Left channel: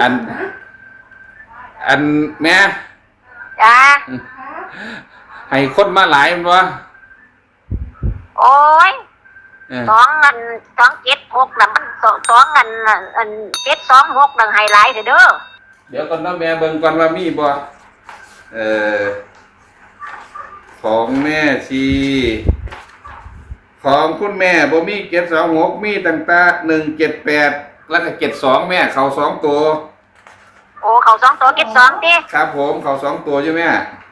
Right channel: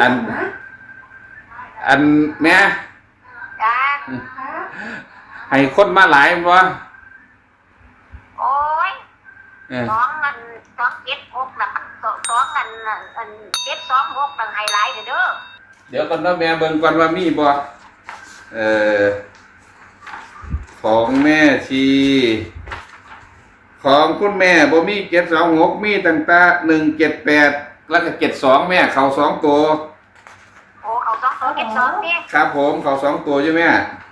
อัน อันแม่จ้าให้คนมาหลายมันวะโอ้ยเออสองเงินสองเจ็ดหกน่ะมันสองสองเงินอันเจ็ดสองหกน่ะไฮไลท์เด้อเด้อเดี๋ยวก่อนเนาะแม่เบิ่งก่อนว่ามีบ่เอ่อของแม่ชีของคุณแม่บ่มีเจ็ดสองหกมีตั้งแต่หนึ่งเจ็ดแปด แล้วก็เจ็ดสองแม่เขาสองตัว โอ้เขาสองตัวเจ็ดสองดิครับผมเขาสองตัวใช่ไหม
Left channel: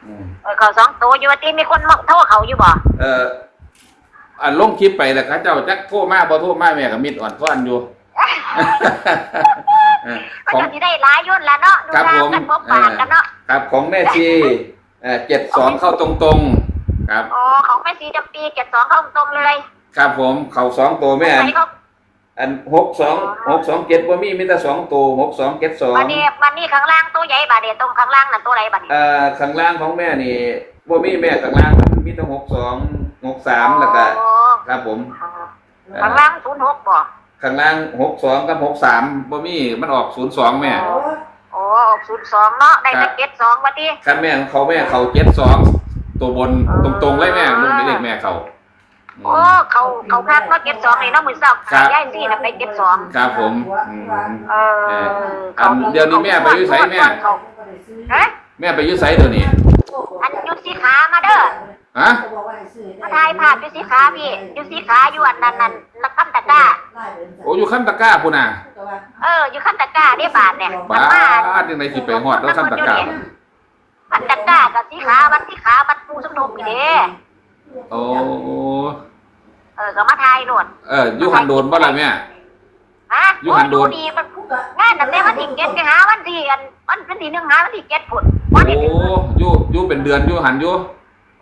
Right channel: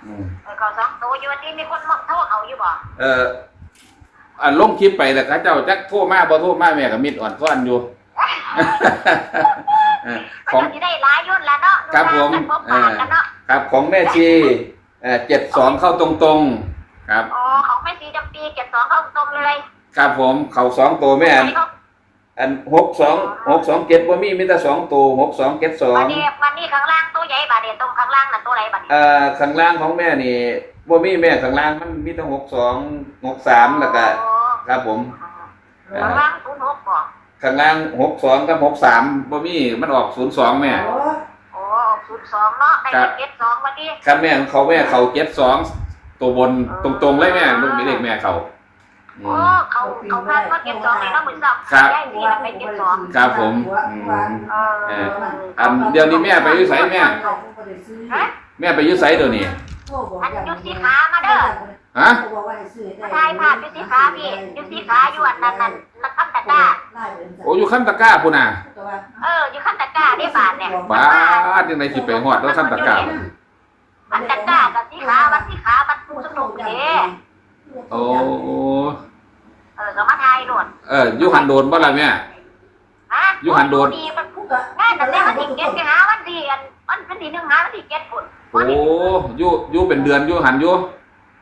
อืมเออเขาสองตัวอยู่ว่าที่มีคนมาโทษเขาอยู่บ่เอ่ออันลงคลิปไปแล้วครับเจ้าจักโทรมาบ่โทรมาแม่ก็มิดอ่อนฟ้อนอยู่เออมันของจะสิได้หลายยุ่นละเนาะดูครับแลผมกันพบปากกันเนาะครับของแม่ชีเอ่อเจ็ดสองเข้าตรงๆ ครับ โอ้ของแม่สีจำปีเจ็ดสองเข้าตรงเลยครับผมเขาสองตัวแม่อัอันนนี้เขา อันหกสองหกสองเจ็ดว่ามีมีแต่สองตัวหกสองเจ็ดสองบัดนี้บัดนี้ข้างล่างตัวใหญ่บาดเดียวตรงข้างล่างน่ะตัวไหนบัดนี้เอ่อข้างล่างของแม่นี่ว่ามีแม่ข้างล่างมันมีแต่หกสองหกสามแล้วก็โอ้ครับผมเอ่ข้างอล่างศูนย์หกบ่ข้างล่างหกสองกับหกสามว่ามีมันออกศูนย์สองแม่โอ้ออกศูนย์สองเนาะได้แต่เจ็ดสองบัดนี้คันแม่ของเขาแม่เขาเจ็ดสองตัวบนตรงๆเลยแม่ลูกนี่เด็กแม่เขาอื โอ้มเขาเขาพลาดเนาะเจ็ดสองเลยเนาะมือเศร้าครับ ย้ายสี่น่ะไปเจ็ดสองครับผมอืมเออเอออันเดี๋ยวนี้แม่ไปอยู่ไสแม่ฮะแม่ไปอยุ่ไสเดี๋ยวนี้อันยุดสีขามาเด้อฮะมาถ่ายภาพยุดสีขาพี่ยุดสีขาอยู่อันนั้นนั่นนักคำตะกร้าโอ้อยู่ขั้นตะกร้าพูน่ะเอออยู่ขั้นตะกร้าได้บาทเนี่ยบ้าดยังไงสิไปหอดแล้วขั้นตะกร้ามันขั้นตะกร้ากับสีขาวัดสีขาวัดปูสมทบนี่เด้โอ้เอ อก็มาถ่ายโน่นเอออยู่หันโดนบ่ล่ะแม่ฮะอยู่หันโดนดีมันงานแต่แรกวันที่เจ็ดไปหาวันที่อันวันวันที่หนึ่งหาวันที่เจ็ดพุ่นโอ้วันที่อยู่อยู่เป็นเดือนอยู่หันอยู่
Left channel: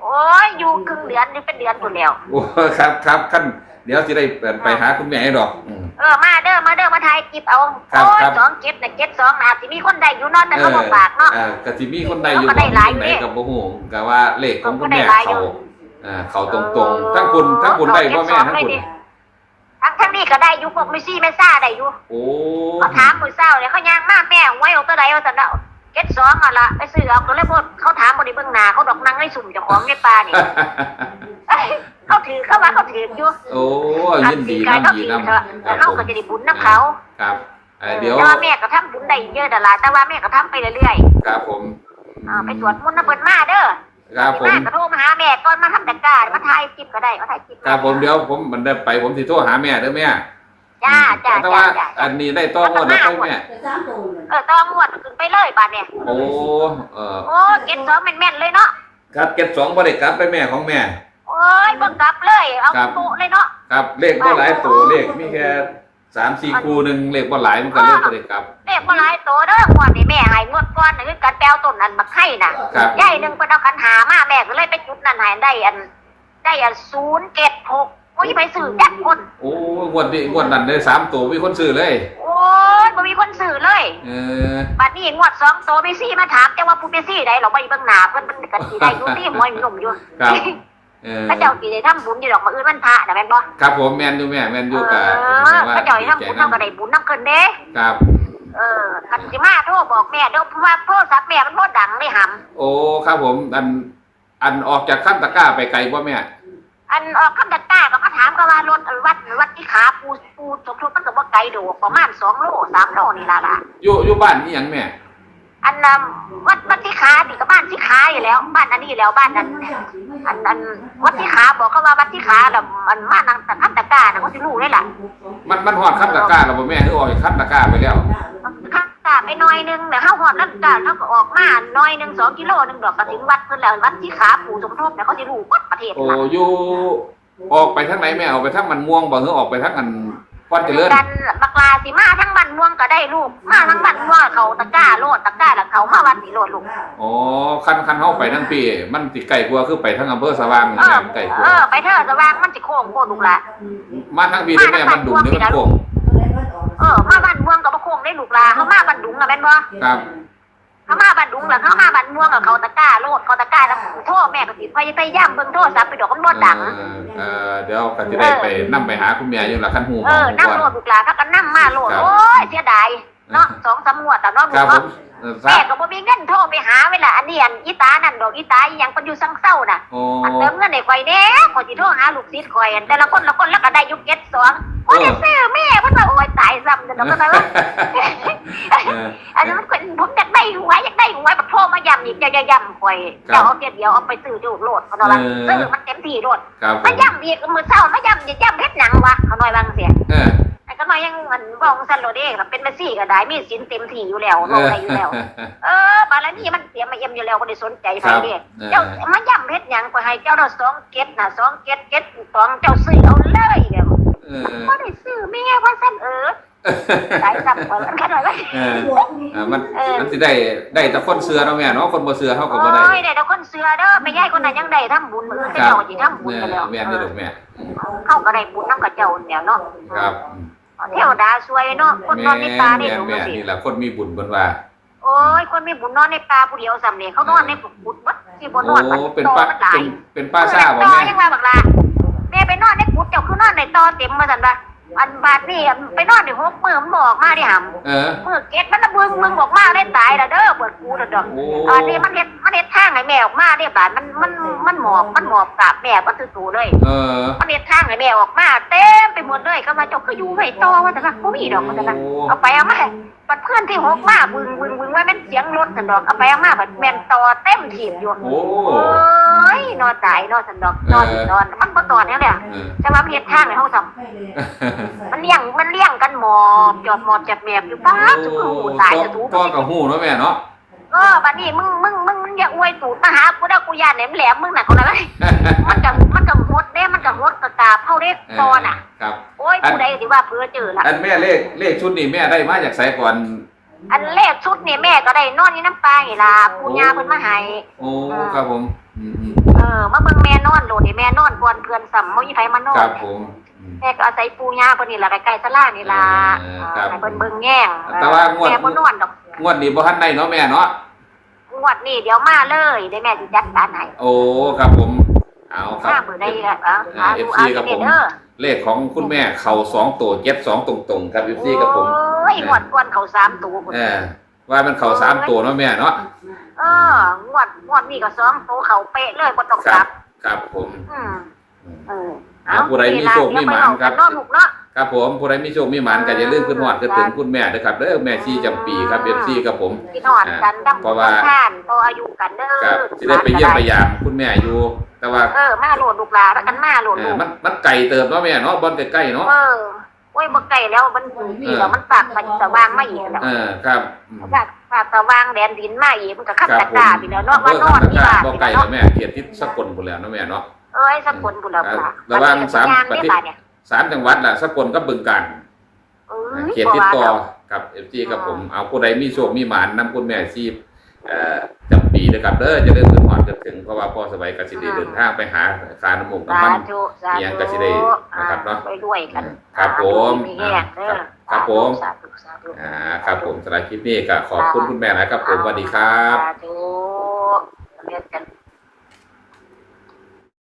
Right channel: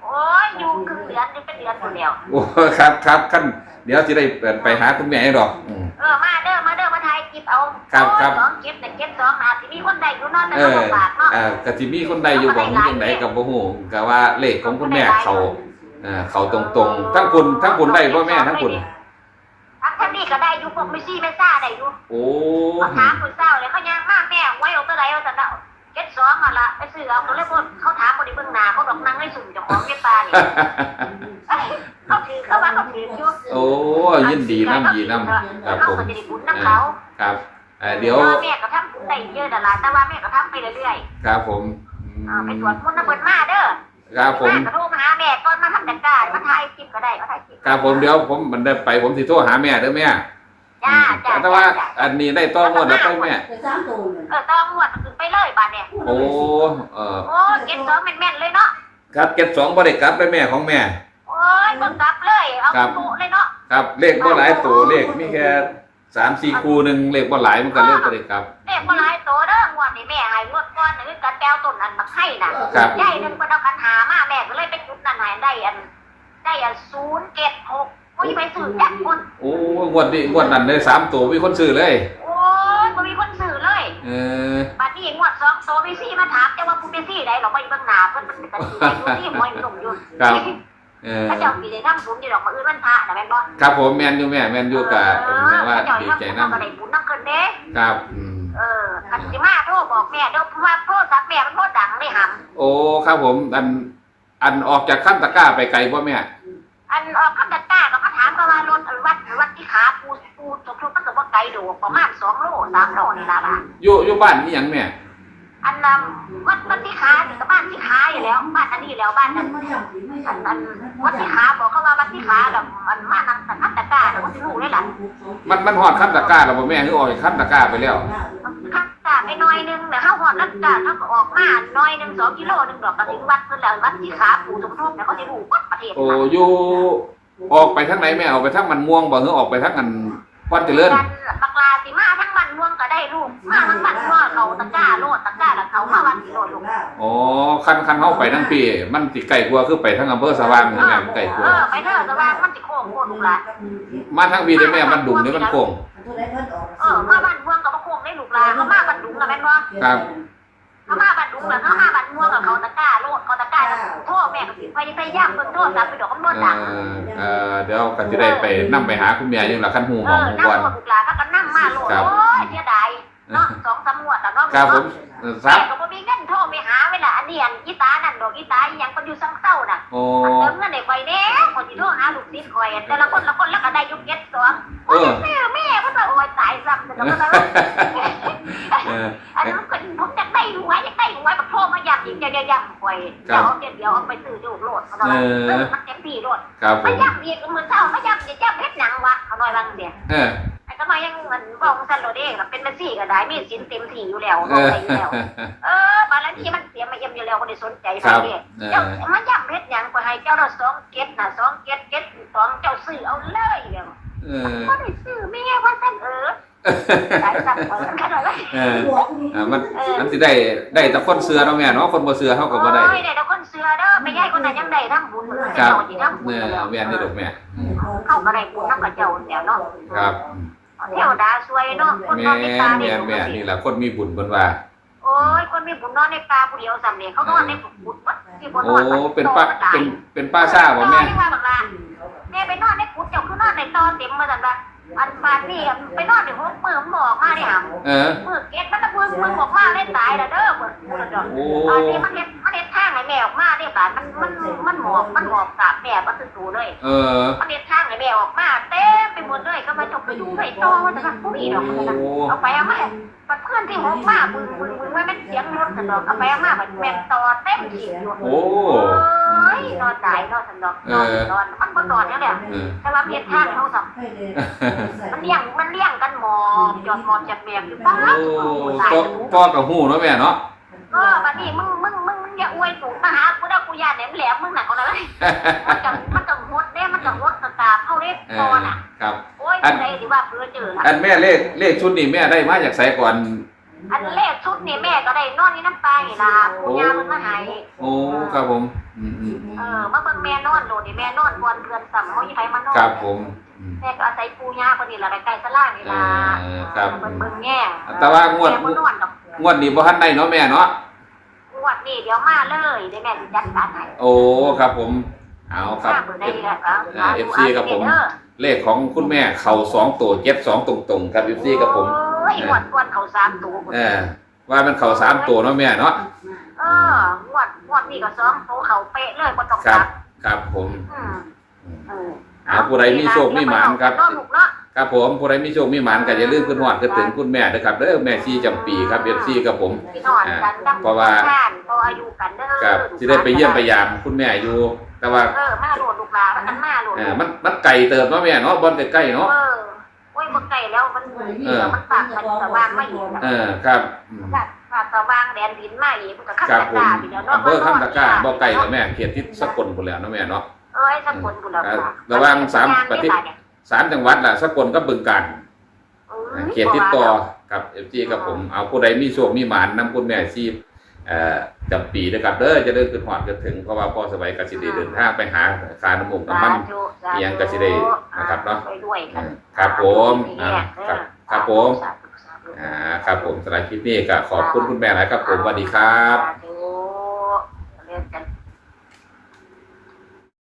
โอ้ยอยู่ครึ่งเดือนนี่เป็นเดือนอยู่แล้วโอ้ครับครับขั้นเดี๋ยวสิได้ไปหาคุณแม่ให้ดอกอืม เออมาเด้อมาเด้อมาถ่ายคลิปเอาครับโอ้ยครับ สองเจ็ดเนี่ยเจ็ดสองนะสิมีคนได้อยู่เนอนแต่เอก็อลำบากเนาะ เออกะสิมีคนใดอยู่บ่มีจังไดกับบ่ฮู้กะว่าเลขของคุณแม่เขาเอ่อเขาตรงๆ ทั้งคุณทั้งคุณได้บ่แม่ทั้งคุณ ทั้งทั้งนี้ก็ได้อยู่พวกมิซี่ไม่ซ่าได้อยู่โอ้เขาถามมือเศร้าเลยเขาย่างมาแม่ไว้เอาตัวใดเอาแต่เดาเจ็ดสองอะละไปซื้อเอาก็เลยพวกเขาถามบริเบื้องหน้าเขาดอกนั่งให้สุ่มเจ้าของในป่านี่เอ้ยเขาถือเขาว่าเขาถืออยู่โอ้ยินดีน้ำดีน้ำคแล้รัวบเขาผมก็จะได้บุญน้ำเขาครับเอ่อเดี๋ยวแต่ว่าแม่ก็ทำบุญได้เยอะแต่ละแต่ว่าแม่ก็ทำไปเรื่อยครับผมๆอ่าไปสวดมนต์น้ำเปิดมาเด้อ ครับผมแก็โทรมาหาแม่ก่อนมาทำแต่กามาถ่ายคลิปก็ได้มาถ่ายคลิปครับผมเดี๋ยวผมมันได้ไปผมสิโทรหาแม่เด้อแม่จ้าจ้าแต่ว่าจ้าอันนี้ได้ต้องวดแล้วไปแม่เออต้องงวดขึ้นไปเลยบาดเนี่ยโอ้เออโอ้เก็บสองแม่นๆเลยเนาะครับเก็บสองบ่ได้กลับไปแม่ของแม่ โอ้ยบังกลับเลยเอาครับโปะเลยเนาะครับเลขบ่หลายตัวเลขมีแค่สามสี่คู่หนึ่งเลขบ่หลายมันก็เลขบ่ได้กลับเลขบ่หลายโตเด้องวดนี่แม่ให้งว อันบักไข่น่ะครับ ยายหนึงเพิ่นเอาคันหามาแม่ก็เลยไปจุดนั้นให้ได้อัน ได้อัน076โอ้ยไปซื้อจักคนโอ้งวดนี้งวดนั้นได้สามตัวมีคนซื้อเลย โอ้ยบ่มีคนซื้อเลยเออ บัดนี้งวดสองโตไปซี่มาถามแต่ว่าผู้ไปซี่ใดเราบ่เบิ่งหน้าเพิ่นมันก็สิได้อยู่นี่มวยหนุ่มอยู่ครับ เออพระเจ้าสิได้ทำบุญอยู่ดอกมื้ออื่นวันพระน่ะแม่นบ่ครับผมแม่นอยู่แม่แม่นอยู่กับเอผมอว่าพระเจ้าดีให้ทำใจบุญนํนำก็ได้บุญนำเพิ่นเด้ ครับอืมเออ คันสิมาโทรบอกแม่เด้อเพราะว่าโทรศัพท์แม่มันบ่ดังได้หำโอ้ครับผม อันอันออกจากขั้นตะกร้าไปไกลบ่แม่อันเออคำดักต้าก็เขาถามก็ว่ารถวัดวัดที่ขาปูปูสกทุกมันก็บ่ไกลดอกประมาณ2โล3โลนี่ล่ะล่ะอยู่อยู่บ้านนี่หยังแม่อันนั้นวัดวัดที่ขานี่ก็บ้านที่ขาอยู่แล้วบ้านอันนี้อยู่แล้วบ้านนั้นอันอันวัดที่ขาบอกเขาว่าวัดที่ขาแล้วมันมานั่งแต่คำดักต้าน่ะก็สิรู้เลยล่ะมันมันฮอดขั้นตะกร้าแล้วบ่แม่คือออกจากขั้นตะกร้าไปแล้วคำดักต้า ไปหน่อยนึงเดี๋ยวเฮาฮอดแล้วก็เขาก็ออกมาหน่อยนึง2กิโลนึงดอกก็ถึงวัดเพิ่นแล้ววัดที่ขาปูสมทบเนี่ยเขาสิรู้วัดประเทศโอ้น่ะอยู่ออกไปทางไหนแม่ออกไปทางมันม่วงบ่หรือออกไปทางอันวัดเจริญกันบักลาสิมาทั้งบ้านม่วงก็ได้ลูกมาทั้งบ้านม่วงเขาตะกร้าโลดตะกร้าแล้วเขามาวัดสิโลดลูกอ๋อคันคันเฮาไปทั้งปีมันสิไกลกว่าคือไปทางอำเภอสว่างนี่แม่มันไกลกว่าเออไปเถอะสว่างมันสิโค้งโคตรลูกละมาทางปีได้แม่มันดุมนี่มันโค้ง เออมาบ้านม่วงก็บ่โค้งได้ลูกละเขามาบ้านดุงน่ะแม่นบ่ครับ เขามาบ้านดุงแล้วเขามาบ้านม่วงกับเขาตะกร้าโลดเขาตะกร้าแล้วโทษแม่ก็สิพยพยายามเบิ่งโทรศัพท์ไปดอกมันบ่เอดังอเออเดี๋ยวก็สิได้ไปนํไปหาคุณแม่อยู่ล่ะคันฮู้เอของอฮู้น้ำก่อน โลดลูกละเขาก็นำมาโลดครับ โอ้ยเสียดายเเนาะสองสามงวดแต่เนาะครับผมเออทราแม่บก็บ่มีเงินโทรไปหาเวลาอันนี้อันอีตานั่นดอกอีตาอีหยังก็อยู่ซังเศร้าน่ะ โอ้ อันเติมเงินให้ข่อยแน่ข่อยสิโทรหาลูกศิษย์ข่อยอันแต่ละคนละคนแล้วก็ได้อยุคเก็ตสองโอ้ยจะซื้อแม่เพิ่นว่าโอ้ย ตายซ้ำแต่ก็ว่าเอออันนั้นเป็นผมอยากได้หวยอยากได้หวยแบบโทรมาย้ำอีกจะย้ำข่อยครับเดี๋ยวเอาเดี๋ยวเอาไปซื้อดูโลดเขาหน่อยเออซื้อมันเต็มที่โลดครับผมามย้ำอีกมือเช้ามาย้ำอีกย้ำเพชรหนังวะเขาหน่อยบางเสียเออไอ้ก็น้อยยังมันบอกซันโรเด้เป็นเมสซี่ก็ได้มีสินเต็มที่อยู่แล้วเอลงอไปอยู่แล้ว เออบาลานี่มันเสียมาเอ็มอยู่แล้วก็ได้สนใจครับไปเด้เอเจ้าอมาย้ำเพชรหยังก็ให้เจ้าเราสองเก็ตน่ะสองเก็ตเก็ตสองเจ้าซื้อเอาเลยเดี๋ยวเออ ก็ได้ซื้อแม่ว่าซั่นเออสายซับซ้อนกันขนาดนั้นเอออ่ามันมันสิได้ได้แต่คนเสือเนาะแม่เนาะคนบ่เสือเท่ากับบ่ได้โอ้ยได้แต่คนเสือเด้อไม่ใหญ่คนนั้นยังได้ทำบุญครัเจ้าบที่ทำบุญแม่แล้วแม่นี่ลูกแม่เข้าก็ได้บุญน้ำกับเจ้าเดียวเนาะครับเทวดาสวยเนาะคนนแม่อนในป่าแม่เนี่ยแม่นี่ล่ะคนมีบุญเพิ่นว่าโอ้ยคนมีบุญนอนในป่าผู้เดียวสำเร็จเขานอนในบุญวัดที่บนนโอ้อนเป็นป้าเป็นเป็นป้าซ่าบ่แม่เรียกว่าบักลา แม่ไปนอนในกุฏเจ้าคือนอนในตอเต็มมาสั่นว่าอันบาดนี่ไปนอนในหกมือมันบอกมาดิหำเออมือเก็ดมันละมือมึงบอกมาได้ตายแล้วเด้อปวดกูแล้วเด้อโอ้ตอนนี้มันเฮ็ดมันเฮ็ดทางให้แม่ออกมาได้บาดมันมันมันหมอบมันหมอบกราบแม่มันตื่นๆเลย เออ มันเฮ็ดทางให้แม่ออกมาเต็มไปหมดเลยก็มาเจกก็อยู่ไปต่อว่าแต่ว่าบ่มีดอกว่าแต่ว่าเอาไปเอามาบัดเพื่อนที่หกมาบึงบึงบึง ว่าแม่นเสียงรถสันดอกเอาไปเอามาบัดแม่นต่อเต็มถีบอยู่โอ้โอ้ยนอนตายนอนสันดอกนอนนอนมันบ่ตอนเนี่ยแหละเออแต่ว่ามันเฮ็ดทางให้เฮาสับมันเลี้ยงมันเลี้ยงกันหมอบจอดหมอบจัดแมบอยู่ป้าโอ้สุดตายพ่อจะถูกพ่อกับหูเนาะแม่เนาะเออบัดนี้มึงมึงมึงมึงอย่าอวยตูดมาหากูได้กูยานแหลมแหลมมึงน่ะเขาเลยมันจะมันจะหดเด้มันจะหดกระตาเฮาเด้ตอนน่ะ ครับ โอ้ยผู้ใดสิว่าเพื่อเจอล่ะอันแม่เลขเลขชุดนี้แม่ได้มาจากไสก่อน อันเลขชุดนี่แม่ก็ได้นอนอยู่น้ำปลานี่ล่ะปู่ย่าเพิ่นมาให้โอ้ครับผมอืมอืมเออมาเบิ่งแม่นอนโลดนี่แม่นอนก่อนเพื่อนซ้ำบ่มีไผมานอนครับผมอืม แม่ก็อาศัยปู่ย่าเพิ่นนี่ล่ะใกล้ๆศาลานี่ล่ะเออครับ ให้เพิ่นเบิ่งแง่งแต่ว่างวดแม่บ่นอนดอกงวดนี้บ่ทันได้เนาะแม่เนาะงวดนี้เดี๋ยวมาเลยเดี๋ยวแม่สิจัดการให้โอ้ครับผมเอาครับ มาเบิ่งได้ล่ะเอาอ่าเอา FC ครับผมเด้อเลขของคุณแม่เข่าสองตัวเจ็ดสองตรงๆครับยูซี่กับผม โอ้ ยงวดก่อนเขาสามตัวเออ ว่ามันเข่าสามตัวเนาะแม่เนาะเอองวดงวดนี้ก็สองตัวเขาเป๊ะเลยบ่ต้องคกรัลับบครับผมอืมเออเอาผู้ใดมีโชคมีหมานครับเดี๋ยวไปเอากันเนาะลูกเนาะ ครับผมผู้ใดมีโชคมีหมานก็อย่าลืมขึ้นหอดขึ้นถึงคุณแม่ด้วยครับเด้อแม่ชีจำปีครับเอฟซีกับผม พี่นอนกันดังเพราะว่าท่านพออายุกันเด้อครับที่ได้ไปเยี่ยมไปยามคุณแม่อยู่ แต่ว่าเออมาโหลดลูกหลานอันมาโหลดเอลูอกมันมันไก่เติบเนาะแม่เนาะบอลใกล้ๆเนาะ เออ โอ้ยบ่ไกลแล้วมันมีแล้วมันปากมันสว่างมาอีกแล้วเออครับอืมปากปากสว่างแดนดินมาอีกมันก็ขับครับตะผมกร้าพี่แล้วเนาะอำเภอคำตะกร้าบ่ไก่แล้วแม่เขียดที่สกลพุ่นแล้วเนาะแม่เนาะเอ้ยสักคนกูแล้วเออระหว่างสามประเทศสามจังหวัดล่ะสกลกับบึงกาฬเขียดติดต่อกับเอฟซีกับผมเอาผู้ใดมีโชคมีหมานนำคุณแม่ชีพเอ่อ จำปีนะครับเด้อจะเดินขึ้นหอดจะถึงเพราะว่าพ่อสบายกสิได้เดินทางไปหาคาน้ำมูกน้ำมันเอียงก็สิได้นะครับเนาะไปด้วยกันครับผมอ่าครับครับผมอ่าครับผมสำหรับคลิปนี้ก็ขอบคุณคุณแม่หลายครับผมสวัสดีครับ